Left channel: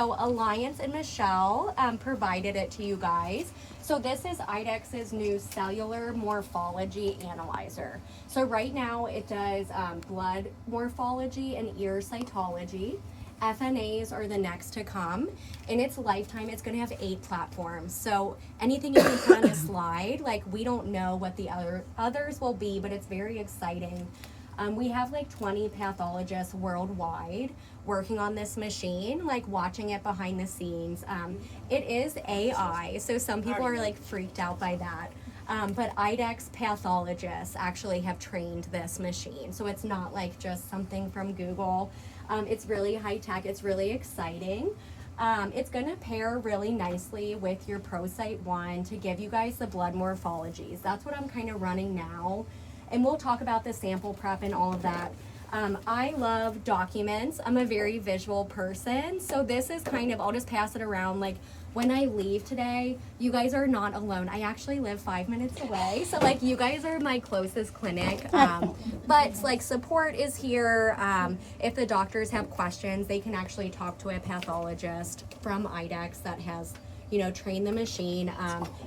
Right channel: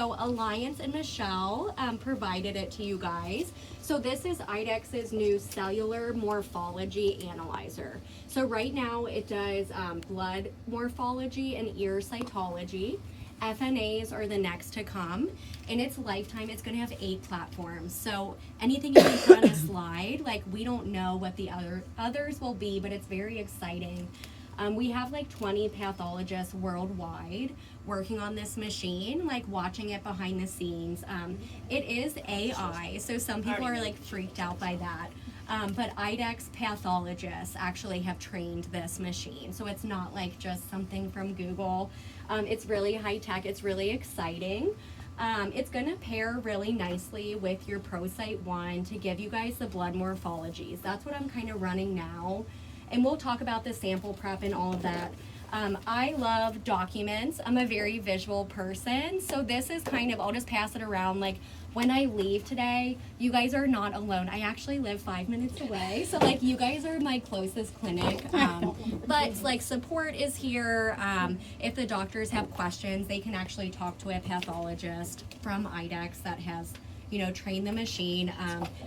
So Alliance and Michelle provided it to you guys. So this is IDEXX's new cellular morphology analyzer. So right now it does blood morphology and ear cytology. FNAs are the next to come. In its lifetime, it's going to have 8 platforms. So anything you can put on a slide, like we don't know what the others will be, but it's very exciting. We have like 20 pathologists worldwide working on this machine, like watching it behind the scenes. It is AI, so some people are like freaked out by that. But IDEXX pathologists actually have trained this machine, so it's not like just something from Google. It's really high tech, it's really exciting. It's going to pair really nicely with your ProSight 1 to give you guys the blood morphologies. That's what I'm kind of running now. And we'll talk about the sample prep and all of that. I love documents. I'm a very visual person. So this is kind of, I'll just pass it around. Like when I leave today, you guys are not alone. I actually live 5 minutes away. So like you guys are my closest clinic. But like support is here. If the doctors have questions, they can actually talk to a pathologist from IDEXX that has, you know, trained the machine.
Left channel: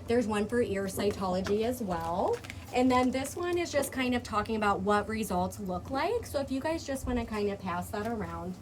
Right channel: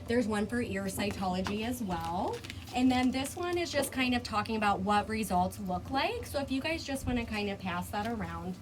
There's one for ear cytology as well. And then this one is just kind of talking about what results look like. So if you guys just want to kind of pass that around.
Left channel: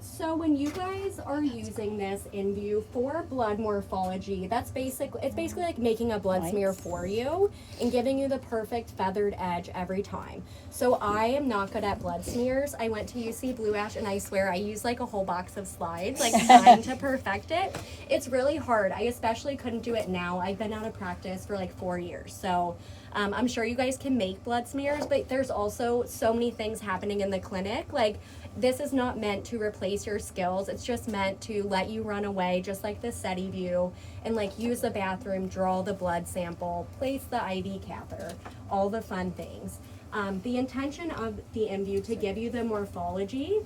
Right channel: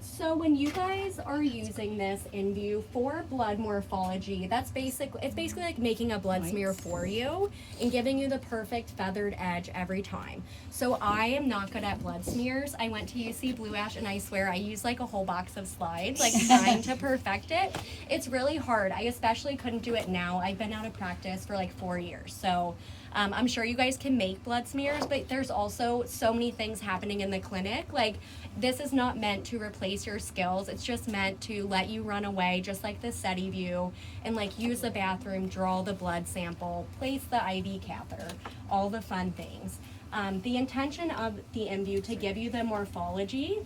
So when you guys are using this invue for blood morphology, it's basically like making a blood smear for you and giving you the perfect feathered edge every time. So I am not good at blood smears. I went to UC Blue Ash and I swear I used like a whole box of slides, like trying to perfect it. It's really hard. I especially couldn't do it now. I've been out of practice for like 4 years. So I'm sure you guys can make blood smears, but there's also so many things happening in the clinic. Like this is not meant to replace your skills. It's just meant to let you run away, just like the SETI view, and like use the bathroom, draw the blood sample, place the IV catheter, all the fun things. The intention of the invue to give you the morphology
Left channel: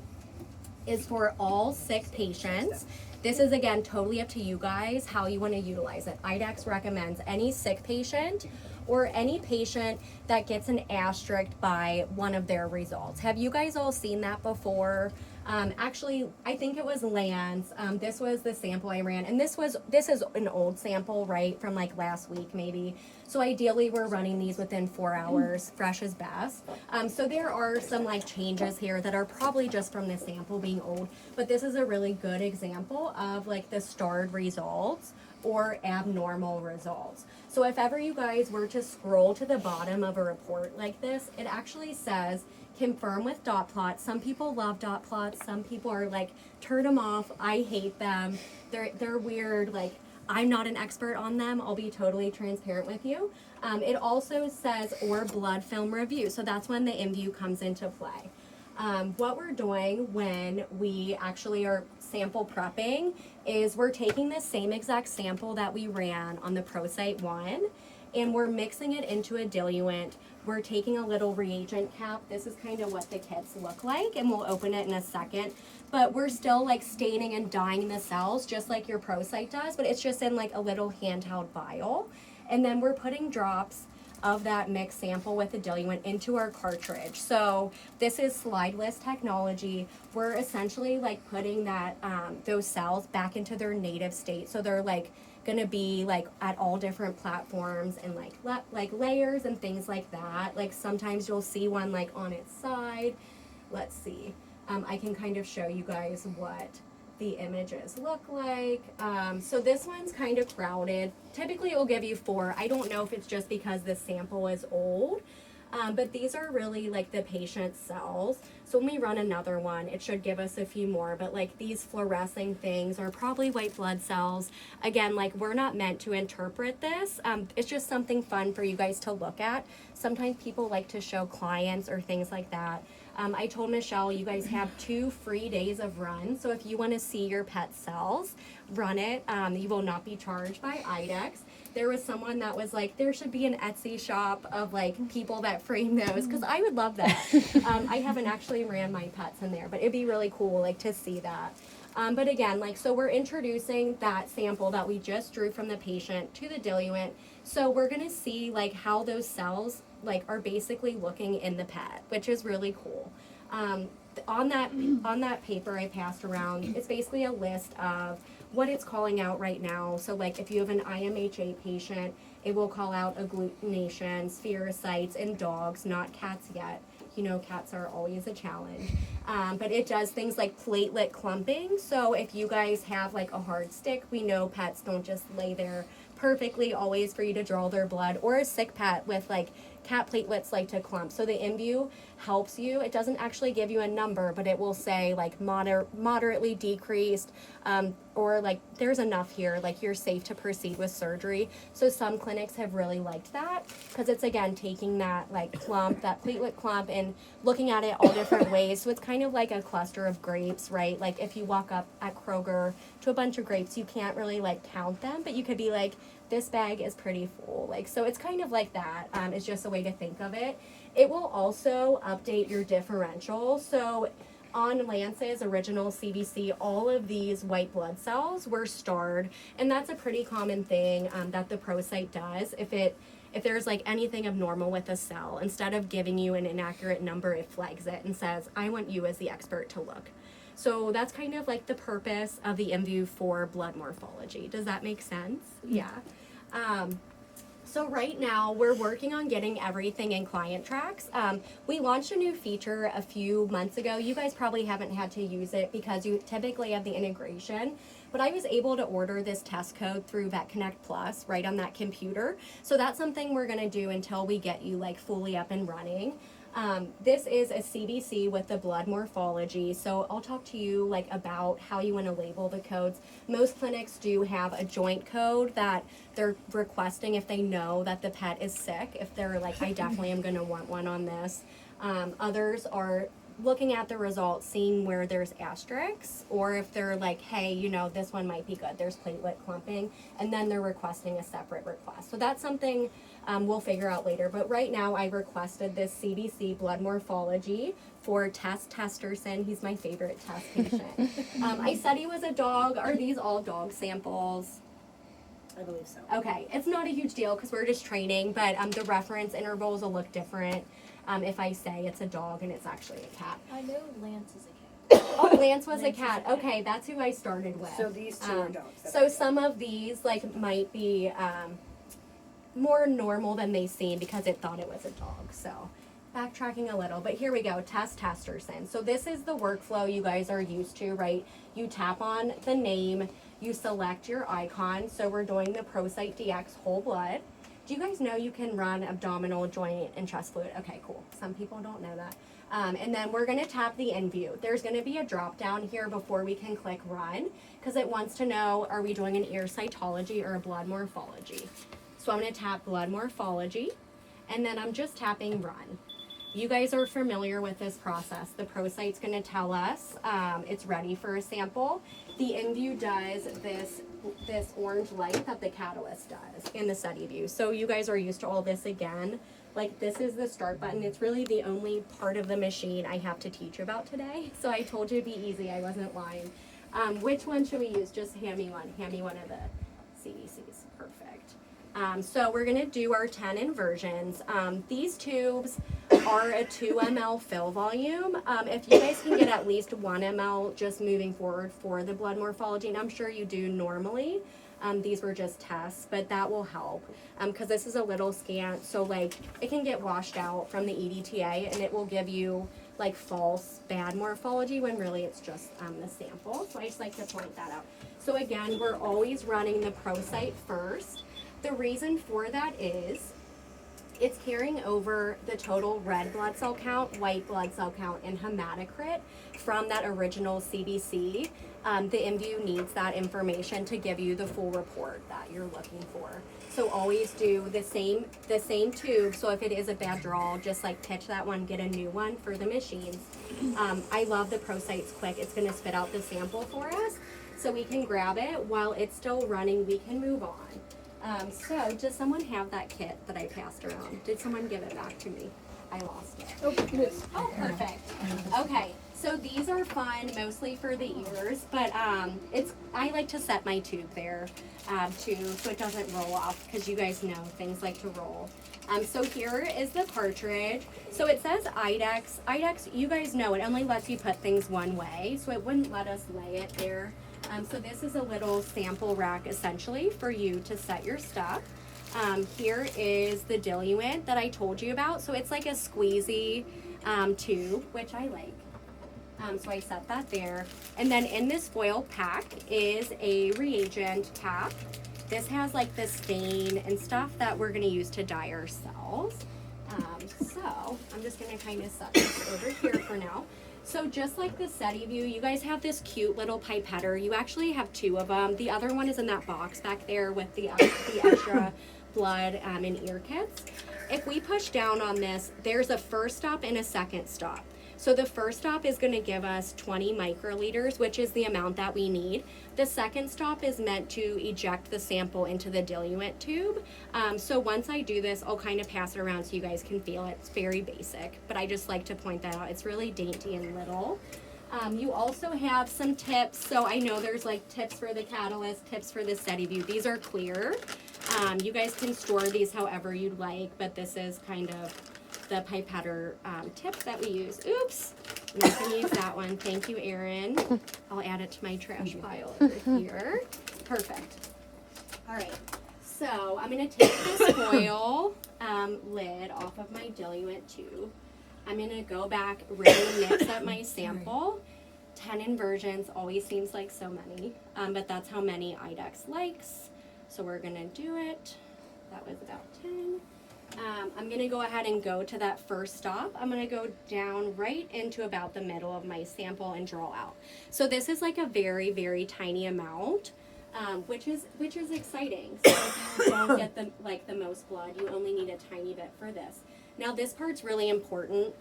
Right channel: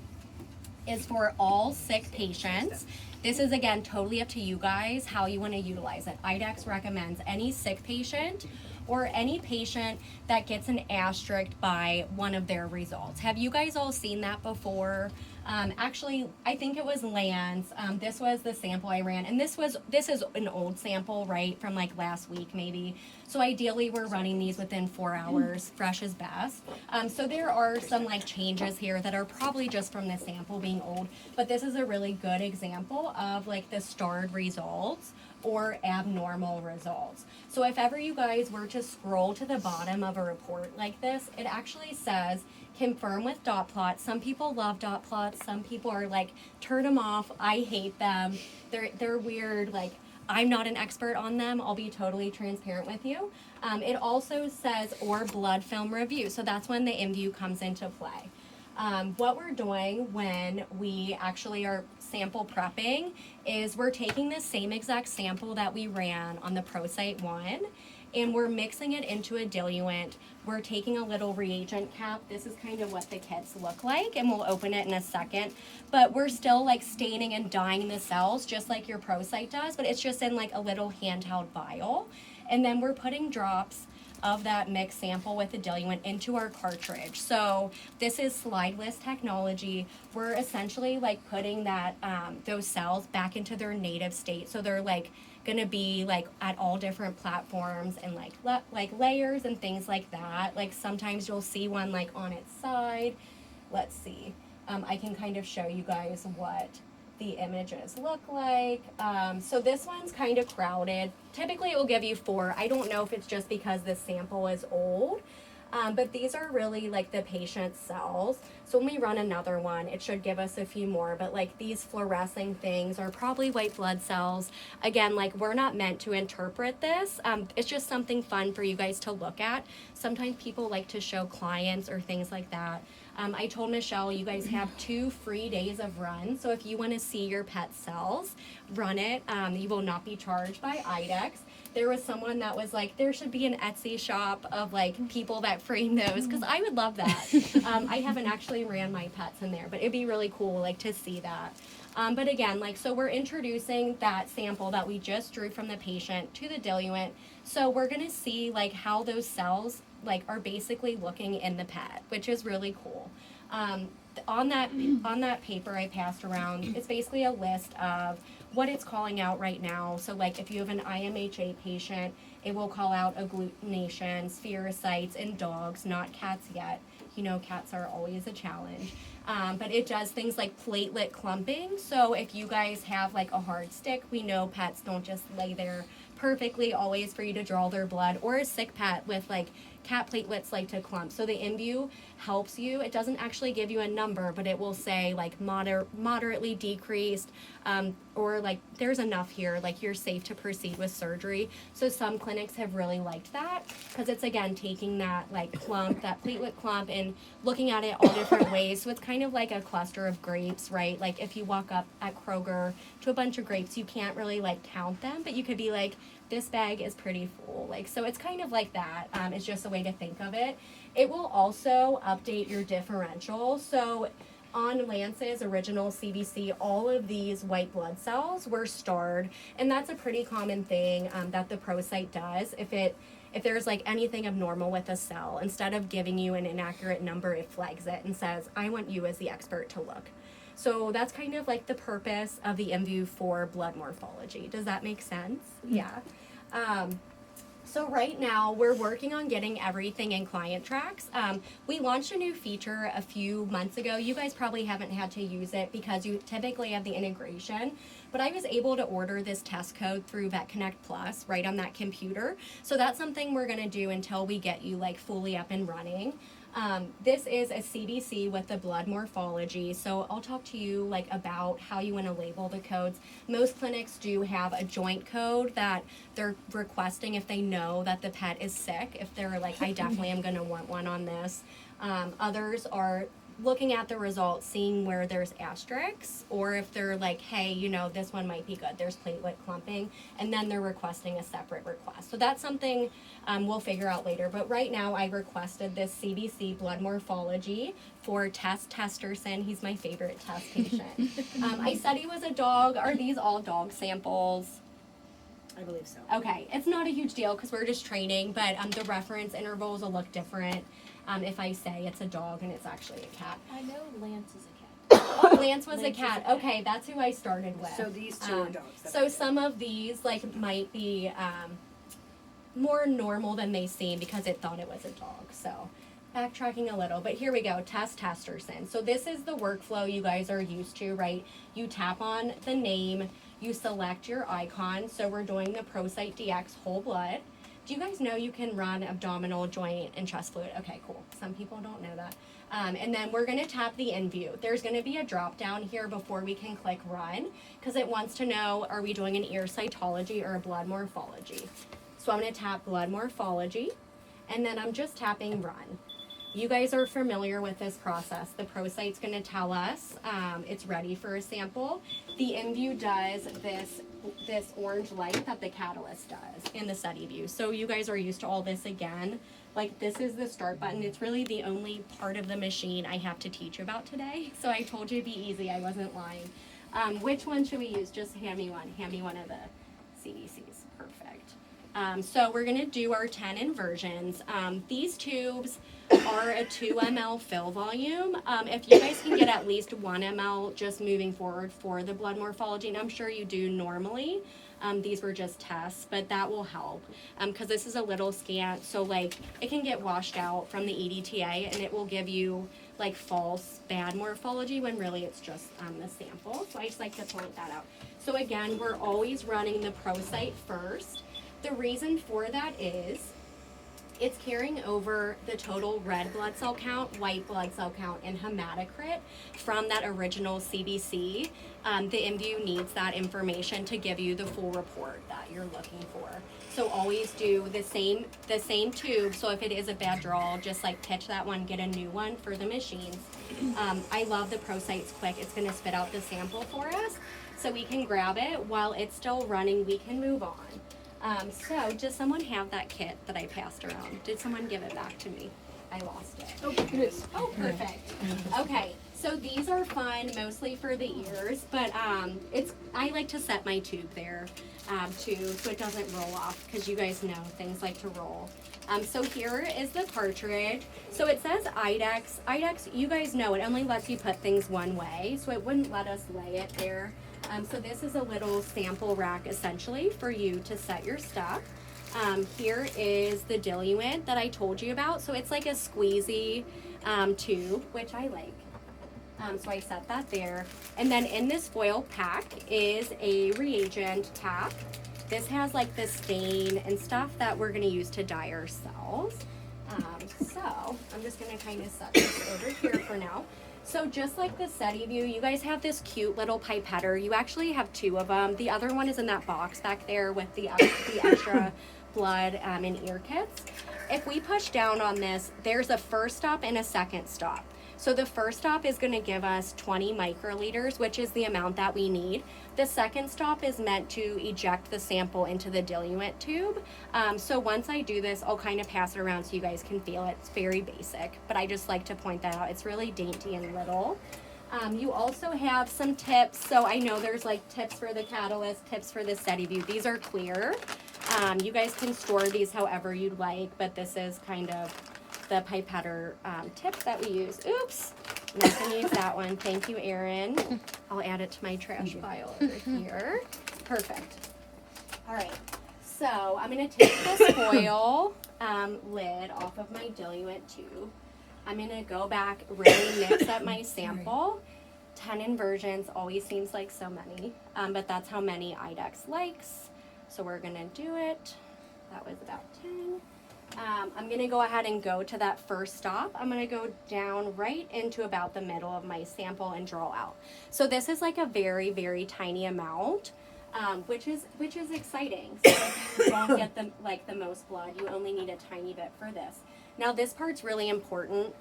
is for all sick patients. This is again totally up to you guys how you want to utilize it. IDEXX recommends any sick patient or any patient that gets an asterisk by one of their results. Have you guys all seen that before? Actually, I think it was Lance. This was the sample I ran, and this is an old sample, right, from like last week maybe. So ideally, we're running these within 4 hours, fresh is best. So there are some like changes here that are probably just from the sample being old, but this is a really good example of like the starred results or abnormal results. So if ever you guys were to scroll to the bottom of a report like this, it actually says confirm with dot plots. Some people love dot plots. Some people are like, turn them off. I hate them. They're weird. Like I'm not an expert on them. I'll be totally transparent with you. It also says or blood film review. So that's when the invue comes into play. What we're doing when we actually are sample prepping is we're taking the same exact sample that we ran on the ProSight 1 and we're mixing it into a diluent. We're taking a little reagent cap. This is kind of what the kits look like, and we'll open it in a second. But we're still like staining and dyeing the cells just like your ProSight does, but it's just in like a little handheld vial. And then we're putting drops of that mixed sample with the diluent into our cartridge. So this is slideless technology. We're essentially like putting that those cells back into their native state. So they're like gonna be like at all different platforms and like layers and things like that. Like sometimes you'll see one like on its side. Let's see. I can kind of show you guys what the images look like. So this one's kind of crowded. Typically it will give you 4. I don't know if it's just because this sample is old, but these are really like the patient's cells. So when we run another one, it should give us a few more, but like these fluorescing things are probably white blood cells. Again, like we're not meant to interpret this. It's just something fun for you guys to look at. Sometimes people like to show clients or things like that. I told Michelle you guys have 2 free days of run. So if you want to see your pet cells, run it. You will not be charged by IDEXX. There was someone that was like, there should be an Etsy shop of like people that frame those, because I would love that. I haven't actually ran my pets in there, but it'd be really cool like to see that. But again, like, so we're introducing that sample that we just drew from the patient to the diluent. So we're gonna see like how those cells like are basically looking in the pet, which is really cool. on that paper I passed around, it's basically a list of what it's calling out right now. So like if you have an IMHA patient, it will call out agglutination, spherocytes in dogs, not cats yet. You know, cats are always a challenge. But it does things like platelet clumping. So if you guys have like a hard stick, we know pets don't just lay there perfectly always for you to draw their blood, or a sick pet with like cat platelets like to clump. So the invue helps you. It doesn't actually give you a number, but it will say like moderately decreased, or like there's enough here, like you're safe to proceed with surgery. So some clinics have really liked that because it's again taking that like clump, that platelet clump, and looking at it all different ways. So it's kind of like a cluster of grapes, right? Like if you walk up at Kroger to a bunch of grapes, you can't really like count them, but you could be like, this bag is pretty full. Like, so it's kind of like that. It's just a way to think of it. It will also update your differential. So on Lance's original CBC, all of these white blood cells were starred, and that's a pretty common thing that the ProCyte does. If there's like anything abnormal with a cell, instead of giving you an inaccurate number, it flags it and says, I want you as the expert to look. So that's kind of like the purpose of the invue for blood morphology. Does that make sense? Yeah. So right now we're working on getting everything in client tracks. We launched a new feature a few months ago. You guys probably haven't had to use it because you typically have the integration, but I was able to order this test code through VetConnect Plus right on that computer. So that's something we're gonna do until we get you like fully up and running. This is a CBC with the blood morphology. So I'll talk to you like about how you want to label the codes. Most clinics do have a joint code that they're requesting if they know that the pet is sick. If they're like, I definitely am going to want one on this. Others are looking at the results, seeing where there's asterisks, or if they're like, hey, you know, this one might be good, there's platelet clumping, and then they're requesting a separate request. So that's something we'll figure out later. But right now I requested this CBC blood morphology for Tess Testerson. He's my favorite test patient. I said he was a dog. Are these all dog samples? I believe so. Okay, it's not a huge deal because we're just training, but the reference intervals will look different if I say it's a dog and it's actually a cat. I know Lance is a cat. Oh, Lance was a cat. Okay, that's who I started with. So these two are dogs. So some of these like might be more normal than they seem because it thought it was a dog. So backtracking a little, but here we go. Tess Testerson. So this is the workflow you guys are used to, right? You tap on the name, you select your icon. So we're doing the ProCyte DX whole blood. Do you guys know you can run abdominal, joint, and chest fluid? Okay, cool. Some people don't know that. And then we're gonna tap the invue. There's gonna be a drop down here before we can click run because it wants to know, are we doing an ear cytology or a blood morphology? So I'm gonna tap blood morphology, and then I'm just tapping run. You guys are familiar with this process. The ProCyte's gonna tell us it's ready for a sample. The invue does this orange light that the Catalyst does in the study view. So you guys are used to all this again. Like this is the start button. It's really the only part of the machine I have to teach you about today. So I told you it'd be easy, I wasn't lying. Which one should we use? Just hand me one. Hand me one of the CBCs. Perfect. So we're gonna do our 10 inversions. These tubes are a 2 ml fill volume. If you guys can get at least 1 ml just moving forward for the blood morphology, and I'm sure you do normally, these were just tests, but that will help because this is a little scant, so like it can get washed out from the EDTA and it will give you like false bad morphology when really it's just the sample. So I just like to point that out. So again, we're always running the ProCyte first. The reason for that is it's carrying over the total red blood cell count, white blood cell count, and hematocrit from that original CBC. The invue needs that information to give you the full report that you're looking for. So always do the same tube. So if it is a bad draw, just like pitch that one, get a new one for the machines. I love the ProCyte's quick. It's gonna spit out the sample for us. So we can grab it while it's still running, we can move on. So does someone have that kit that I passed around? Did someone give it back to me? I lost it. Oh, Oh, perfect. Okay, So these are fun, mostly for the ears, but I like to set my tube there too, so it doesn't roll off, because you guys know things like to roll. So here is the cartridge. So it says IDEX. IDEX, you guys know it only lets you put things one way, so it wouldn't let us lay it there. So this is a little sample rack essentially for you to set your stuff. Here is the diluent that I told you about. So it's like a squeezy tube, which I like. So I set that there. And then in this foil pack is a reagent pack. This has like the stain and stuff that we're gonna use to dye our cells. So I'm just gonna kind of set this over here for now. So just like the SediVue, you guys have this cute little pipetter. You actually have two of them. The other one is in that box back there with the extra blood and ear kits. If we push down on this, there's a first stop and a second stop. So the first stop is going to give us 20 microliters, which is the amount that we need. The second stop is meant to eject the sample into the diluent tube. So once I do this, I'll kind of pass it around so you guys can feel it. It's very basic, but I just like to point that out. It's really dainty and little. You also have some tips. So I know there's like tips for the catalyst, tips for the SediVue. These are clear. You guys can store these however you'd like, but this is kind of the pipetter tips that we use. Oops, I'm not gonna use that one. Thank you, Erin. I'll add it to my trash pile over here. Perfect. All right, so I'm gonna take this foil lid off of my diluent tube. I'm gonna go back, really mix up my sample. 10 inversions always seems like so many, but that's how many IDEX likes. So we're gonna do it. That was about 10. I'm gonna go ahead and go to that first stop. I'm gonna go down right into about the middle of my sample and draw out. So this is like a very, very tiny amount, which is exciting. So if you don't get the most blood, you only need a tiny bit for this. Now this part's really important.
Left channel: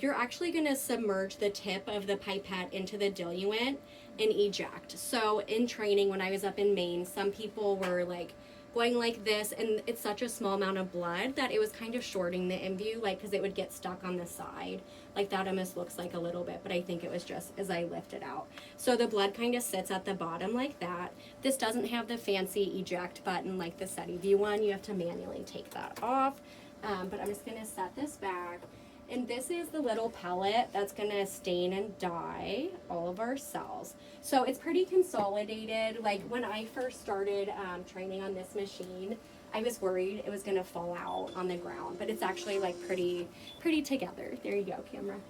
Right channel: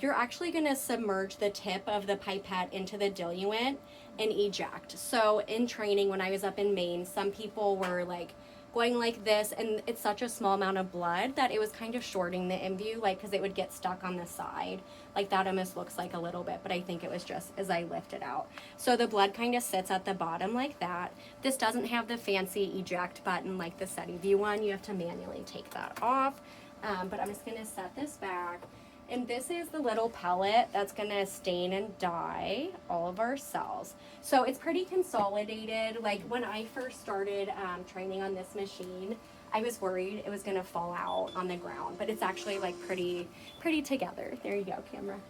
You're actually gonna submerge the tip of the pipette into the diluent and eject. So in training, when I was up in Maine, some people were like going like this, and it's such a small amount of blood that it was kind of shorting the invue, like, because it would get stuck on the side. Like that almost looks like a little bit, but I think it was just as I lift it out. So the blood kind of sits at the bottom like that. This doesn't have the fancy eject button like the SediVue one. You have to manually take that off. But I'm just gonna set this back. And this is the little pellet that's gonna stain and dye all of our cells. So it's pretty consolidated. Like when I first started training on this machine, I was worried it was gonna fall out on the ground, but it's actually like pretty together. There you go, camera.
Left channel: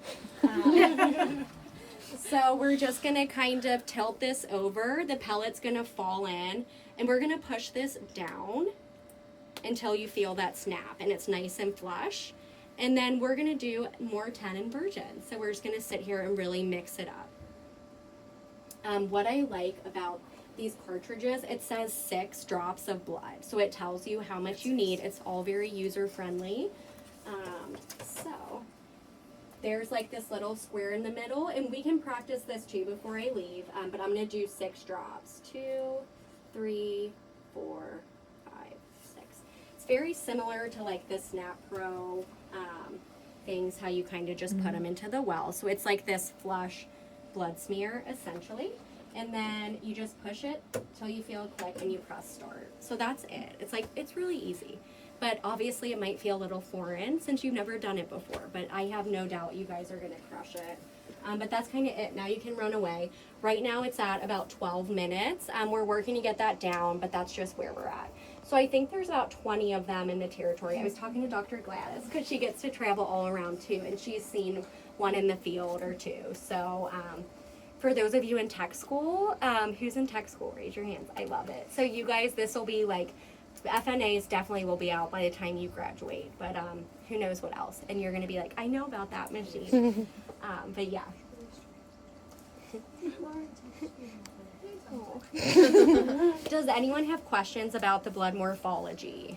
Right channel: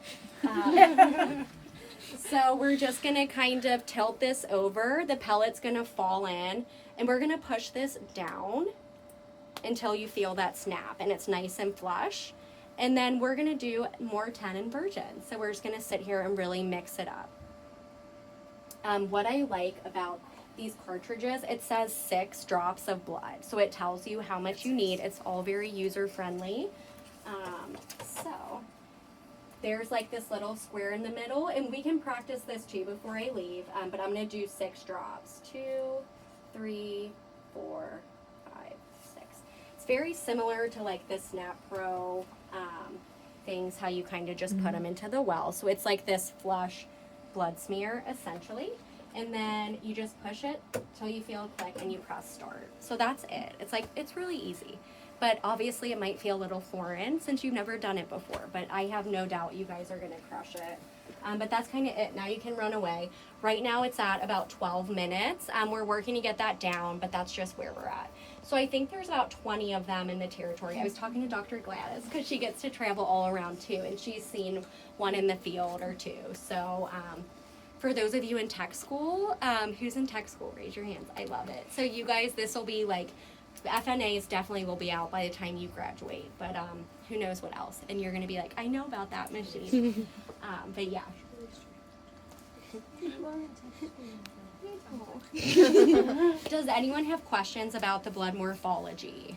So we're just gonna kind of tilt this over. The pellet's gonna fall in, and we're gonna push this down until you feel that snap and it's nice and flush. And then we're gonna do more 10 inversions. So we're just gonna sit here and really mix it up. What I like about these cartridges, it says 6 drops of blood. So it tells you how much you need. It's all very user friendly. So there's like this little square in the middle, and we can practice this too before I leave, but I'm gonna do 6 drops. 2, 3, 4, 5, 6. It's very similar to like the Snap Pro things, how you kind of just put them into the well. So it's like this flush blood smear essentially, and then you just push it till you feel a click and you press start. So that's it. It's really easy, but obviously it might feel a little foreign since you've never done it before, but I have no doubt you guys are gonna crush it. But that's kind of it. Now you can run away. Right now it's at about 12 minutes. We're working to get that down, but that's just where we're at. So I think there's about 20 of them in the territory. I was talking to Dr. Gladys because she gets to travel all around too, and she's seen one in the field or two. So for those of you in tech school, who's in tech school, raise your hands. I love it. So you guys, this will be like, FNAs definitely will be out by the time you graduate, but who knows what else. And you're gonna be like, I know about that machine. But yeah. Does anyone have questions about the blood morphology?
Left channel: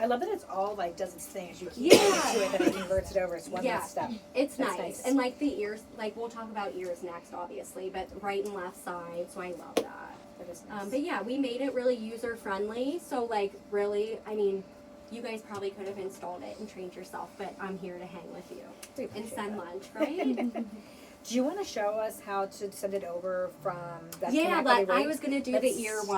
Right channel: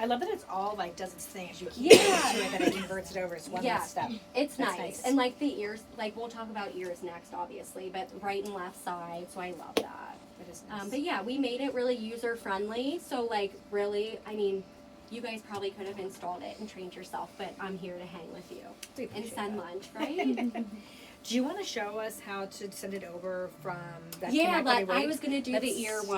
I love that it's all like does its thing as you keep to it, that it converts it over. It's one less step. It's nice. And like the ears, like we'll talk about ears next, obviously, but right and left side. So I love that. That is nice. But yeah, we made it really user friendly. So like really, I mean, you guys probably could have installed it and trained yourself, but I'm here to hang with you and send lunch, right? Do you want to show us how to send it over from that? Yeah, Connect I Way? was gonna do the Let's- ear one.